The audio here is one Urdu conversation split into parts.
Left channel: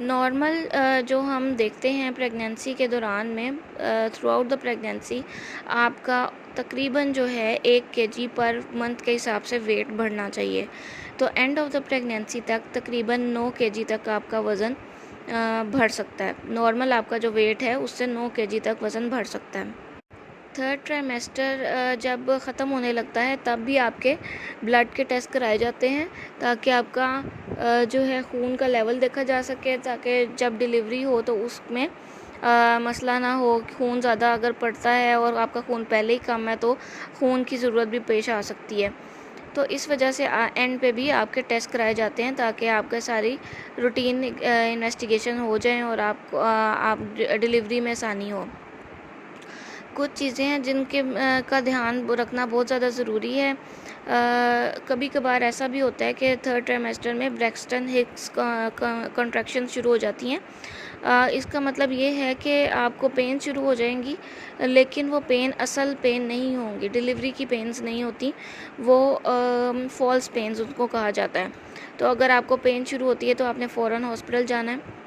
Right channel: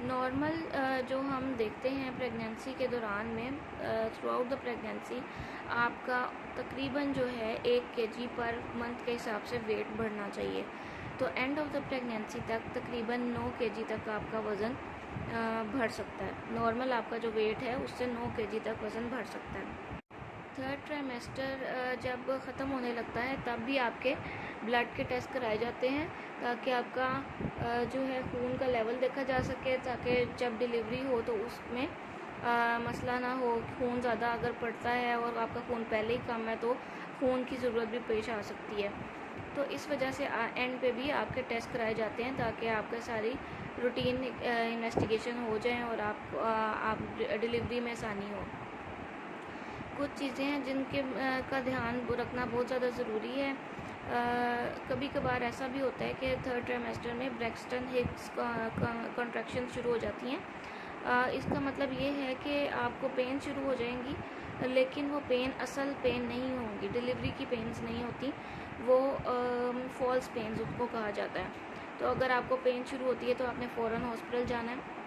نارمل جو ہم دیکھتے ہیں پریگنینسی کے دوران میں تھرو آؤٹ دا پریگنینسی آپ کا تقریباً جو ہے 1 kg پر منتھ کے حساب سے ویٹ بڑھنا چاہیے. تو اینڈ آف دا پریگنینسی تک تقریباً 9 kg تک آپ کا وزن بڑھ سکتا ہے. نارمل آپ کا جو ویٹ ہے اس سے 9 kg تک وزن بڑھ سکتا ہے. تھرڈ ٹرائمیسٹر جب ختم ہونے لگتا ہے تب بھی آپ کے بلڈ کے ٹیسٹ کرائے جاتے ہیں تاکہ آپ کا جو ہے خون کا لیول دیکھا جا سکے، تاکہ جب ڈیلیوری ہو تو اس میں مسئلہ نہ ہو. خون زیادہ اگر پڑتا ہے اور آپ کا خون پہلے ہی کم ہے تو خون کی ضرورت بھی پیش آ سکتی ہے. تو اس وجہ سے اینڈ پہ بھی آپ کے ٹیسٹ کرائے جاتے ہیں تاکہ آپ کا ساری روٹین انویسٹیگیشن ہو جائیں اور آپ ڈیلیوری میں آسانی ہو. کچھ چیزیں ہیں جن کے کا دھیان رکھنا بہت زیادہ ضروری ہے. کبھی کبھار ایسا بھی ہوتا ہے کہ تھرڈ ٹرائمیسٹر میں بریکسٹن ہکس کنٹریکشن شروع ہو جاتی ہیں. اس کا مطلب یہ ہے کہ آپ کو پین شروع ہو جائیں گی، لیکن وہ پین اصل پین نہیں ہوں گی، ڈیلیوری کی پینز نہیں ہوتی، وہ فالس پینز ان کو کہا جاتا ہے. تو اگر آپ کو پین شروع ہوتی ہے تو آپ نے فوراً ہاسپٹل جانا ہے.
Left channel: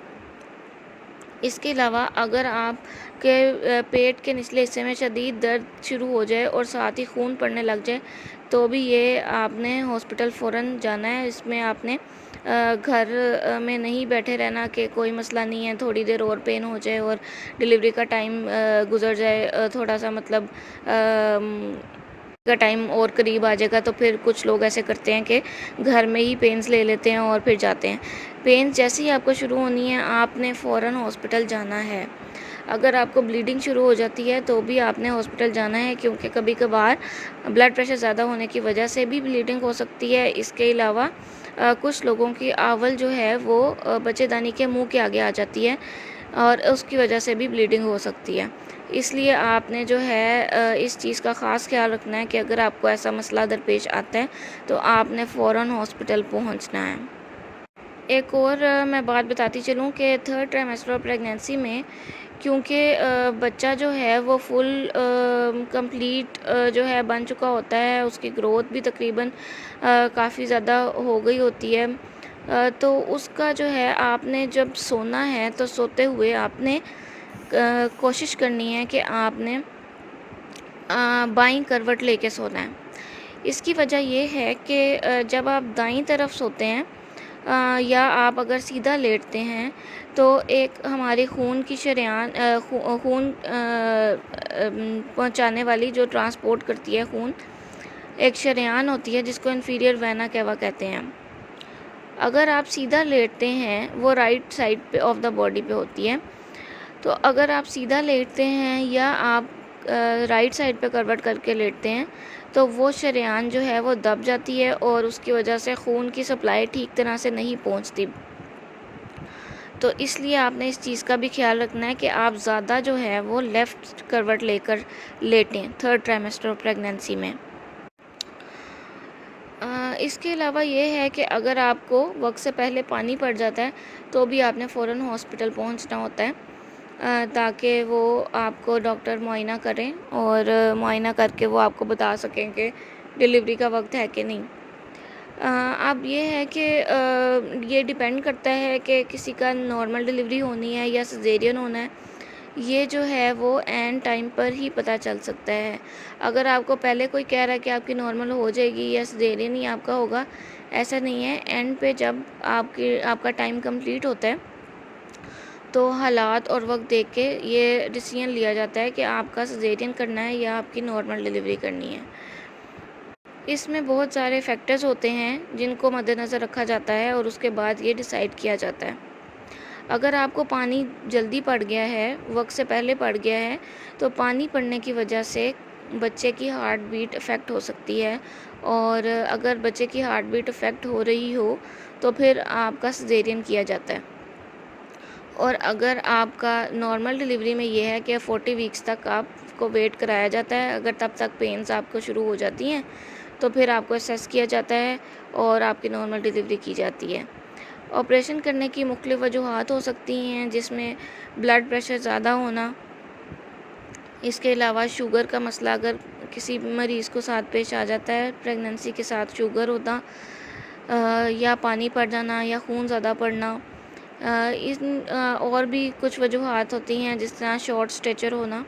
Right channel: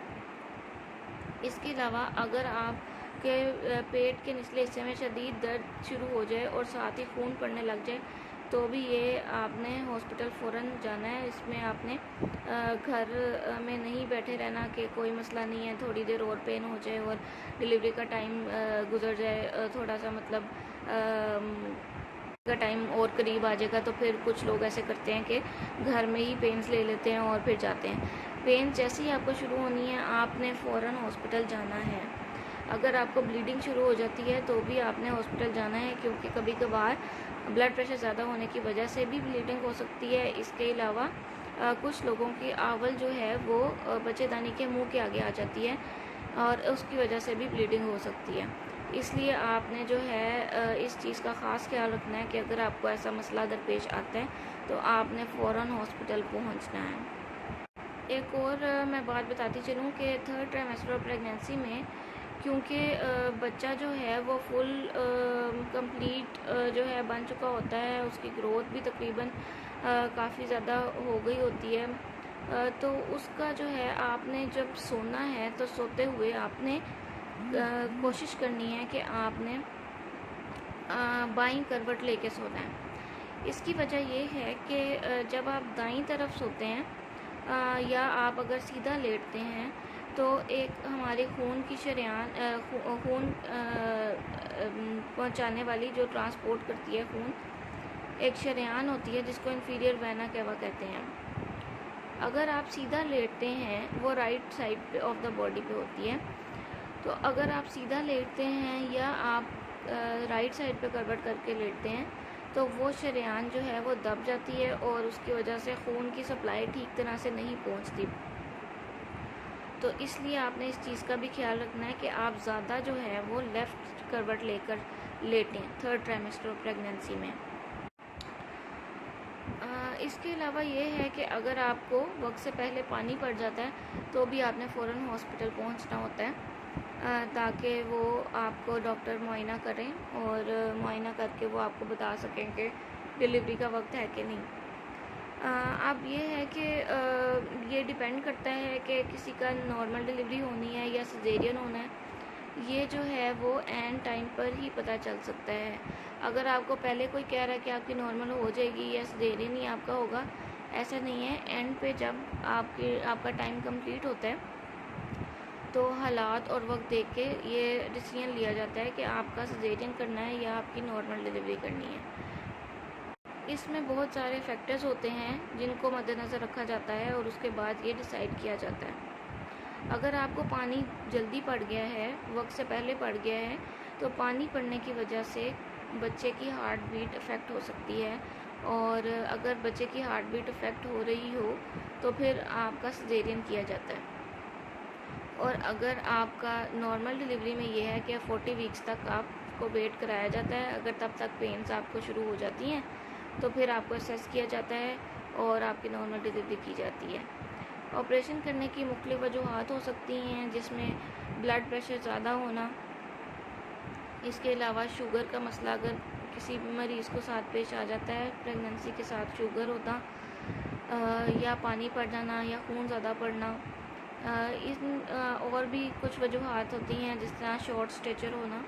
اس کے علاوہ اگر آپ کے پیٹ کے نچلے حصے میں شدید درد شروع ہو جائے اور ساتھ ہی خون پڑنے لگ جائے تو بھی یہ آپ نے ہاسپٹل فوراً جانا ہے. اس میں آپ نے گھر میں نہیں بیٹھے رہنا کہ کوئی مسئلہ نہیں ہے، تھوڑی دیر اور پین ہو جائے اور ڈیلیوری کا ٹائم گزر جائے، تھوڑا سا مطلب کا ٹائم اور قریب آ جائے گا، تو پھر کچھ لوگ ایسے کرتے ہیں کہ گھر میں ہی پینز لے لیتے ہیں اور پھر جاتے ہیں. پینز جیسے ہی آپ کو شروع ہونی ہے آپ نے فوراً ہاسپٹل جانا ہے. اگر آپ کو بلیڈنگ شروع ہو جاتی ہے تو بھی آپ نے ہاسپٹل جانا ہے، کیونکہ کبھی کبھار بلڈ پریشر زیادہ ہونے کی وجہ سے بھی بلیڈنگ ہو سکتی ہے. اس کے علاوہ کچھ لوگوں کی آول جو ہے وہ بچے دانی کے منہ کے آگے آ جاتی ہے اور اس کی وجہ سے بھی بلیڈنگ ہو سکتی ہے. اس لیے آپ نے جو ہے اس چیز کا خاص خیال رکھنا ہے کہ اگر آپ کو ایسا مسئلہ درپیش آتا ہے تو آپ نے فوراً ہاسپٹل پہنچنا ہے. ایک اور میں بات بتاتی چلوں کہ تھرڈ ٹرائمیسٹر پریگنینسی میں کیونکہ بچہ جو ہے وہ فل کمپلیٹ جو ہے بن چکا ہوتا ہے، اس کی گروتھ بھی تقریباً کافی زیادہ ہو گئی ہوتی ہے، تو اس کا جو ہے آپ نے جب سونا ہے تو سوتے ہوئے آپ نے کوشش کرنی ہے کہ آپ نے بائیں کروٹ لے کے سونا ہے. اس کی وجہ یہ ہے کہ جب آپ دائیں طرف سوتے ہیں یا آپ اگر سیدھا لیٹتے ہیں تو ایک ہماری خون کی شریان خون پہنچانے والی جو ٹرانسپورٹ کرتی ہے خون، ایک شریان ہوتی ہے جس کو انفیریئر وینا کیوا کہتے ہیں. اگر آپ سیدھا لیٹتے ہیں وہ رائٹ سائڈ پہ آف دا باڈی پہ ہوتی ہے، تو اگر آپ سیدھا لیٹتے ہیں یا آپ رائٹ سائڈ پہ کروٹ کر کے لیٹتے ہیں تو وہ شریان جو ہے وہ دب جاتی ہے اور اس کی وجہ سے خون کی سپلائی ٹھیک طرح سے نہیں پہنچتی. تو اس لیے آپ نے اس چیز کا بھی خیال رکھنا ہے کہ آپ زیادہ جو ہے وہ لیفٹ کروٹ لے کر لیٹیں تھرڈ ٹرائمیسٹر پریگنینسی میں. اس کے علاوہ یہ ہے کہ اگر آپ کو وقت سے پہلے پانی پڑ جاتا ہے تو بھی آپ نے فوراً ہاسپٹل پہنچنا ہوتا ہے تاکہ وہ آپ کو ڈاکٹر معائنہ کریں اور معائنہ کر کے وہ آپ کو بتا سکیں کہ ڈیلیوری کا وقت ہے کہ نہیں. اب یہ ہے کہ یہ ڈیپینڈ کرتا ہے کہ کسی کا نارمل ڈیلیوری ہونی ہے یا سیزیرین ہونا ہے، یہ جو ہے وہ اینڈ ٹائم پر ہی پتہ چل سکتا ہے. اگر آپ کو پہلے کوئی کہہ رہا ہے کہ آپ کی نارمل ہو جائے گی یا سیزیرین ہی آپ کا ہوگا، ایسا نہیں ہے. اینڈ پہ جب آپ کا ٹائم کمپلیٹ ہوتا ہے تو حالات اور وقت دیکھ کے یہ ڈیسیژن لیا جاتا ہے کہ آپ کا سیزیرین کرنا ہے یا آپ کی نارمل ڈیلیوری کرنی ہے. اس میں بہت سارے فیکٹرز ہوتے ہیں جن کو مد نظر رکھا جاتا ہے اور اس کے بعد یہ ڈیسائیڈ کیا جاتا ہے. اگر آپ کو پانی جلدی پڑ گیا ہے، وقت سے پہلے پڑ گیا ہے، تو پانی پڑنے کی وجہ سے بچے کی ہارٹ بیٹ افیکٹ ہو سکتی ہے، اور اگر بچے کی ہارٹ بیٹ افیکٹ ہو رہی ہو تو پھر آپ کا سیزیرین کیا جاتا ہے. اور اگر آپ کا نارمل ڈیلیوری میں یہ ہے کہ 40 ویکس تک آپ کو ویٹ کرایا جاتا ہے، اگر تب تک پینز آپ کو شروع ہو جاتی ہیں تو پھر آپ کو اسیس کیا جاتا ہے اور آپ کی نارمل ڈیلیوری کی جاتی ہے. آپریشن کرنے کی مختلف وجوہات ہو سکتی ہیں، جس میں بلڈ پریشر زیادہ ہونا، اس کے علاوہ شوگر کا مسئلہ اگر کسی مریض کو ساتھ پیش آ جاتا ہے، پریگننسی کے ساتھ شوگر ہونا، یا پانی پڑ جانا یا خون زیادہ پڑنا، اور بھی کچھ وجوہات ہوتی ہیں، جس طرح شارٹ اسٹیچر ہونا،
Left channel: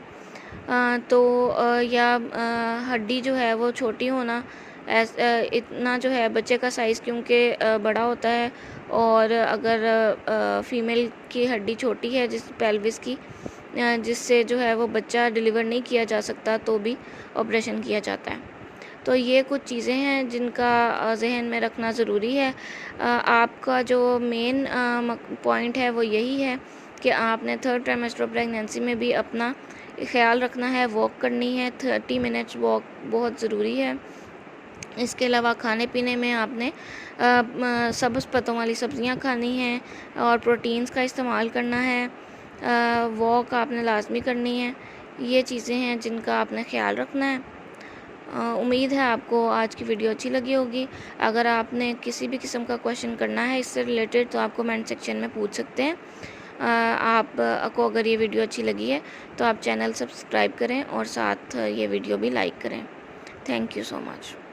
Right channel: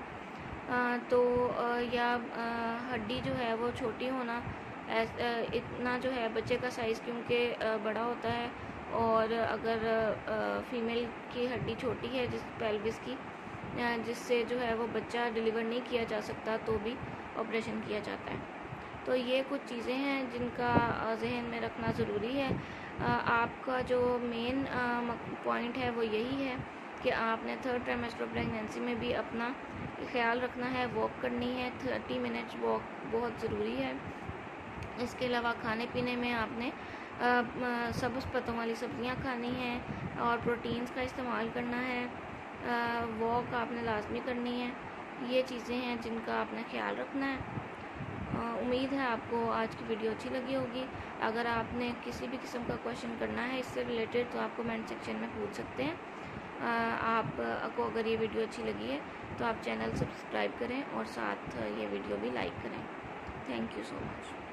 تو یا ہڈی جو ہے وہ چھوٹی ہونا، اتنا جو ہے بچے کا سائز کیونکہ بڑا ہوتا ہے، اور اگر فیمیل کی ہڈی چھوٹی ہے جس پیلوس کی، جس سے جو ہے وہ بچہ ڈیلیور نہیں کیا جا سکتا، تو بھی آپریشن کیا جاتا ہے۔ تو یہ کچھ چیزیں ہیں جن کا ذہن میں رکھنا ضروری ہے۔ آپ کا جو مین پوائنٹ ہے وہ یہی ہے کہ آپ نے 3rd ٹرائمیسٹر پریگنینسی میں بھی اپنا خیال رکھنا ہے، واک کرنی ہے، 30 منٹس واک بہت ضروری ہے۔ اس کے علاوہ کھانے پینے میں آپ نے سبز پتوں والی سبزیاں کھانی ہیں اور پروٹینز کا استعمال کرنا ہے، واک آپ نے لازمی کرنی ہے۔ یہ چیزیں ہیں جن کا آپ نے خیال رکھنا ہے۔ امید ہے آپ کو آج کی ویڈیو اچھی لگی ہوگی۔ اگر آپ نے کسی بھی قسم کا کویشچن کرنا ہے اس سے ریلیٹڈ تو آپ کومنٹ سیکشن میں پوچھ سکتے ہیں۔ آپ کو اگر یہ ویڈیو اچھی لگی ہے تو آپ چینل سبسکرائب کریں اور ساتھ یہ ویڈیو بھی لائک کریں۔ Thank you so much.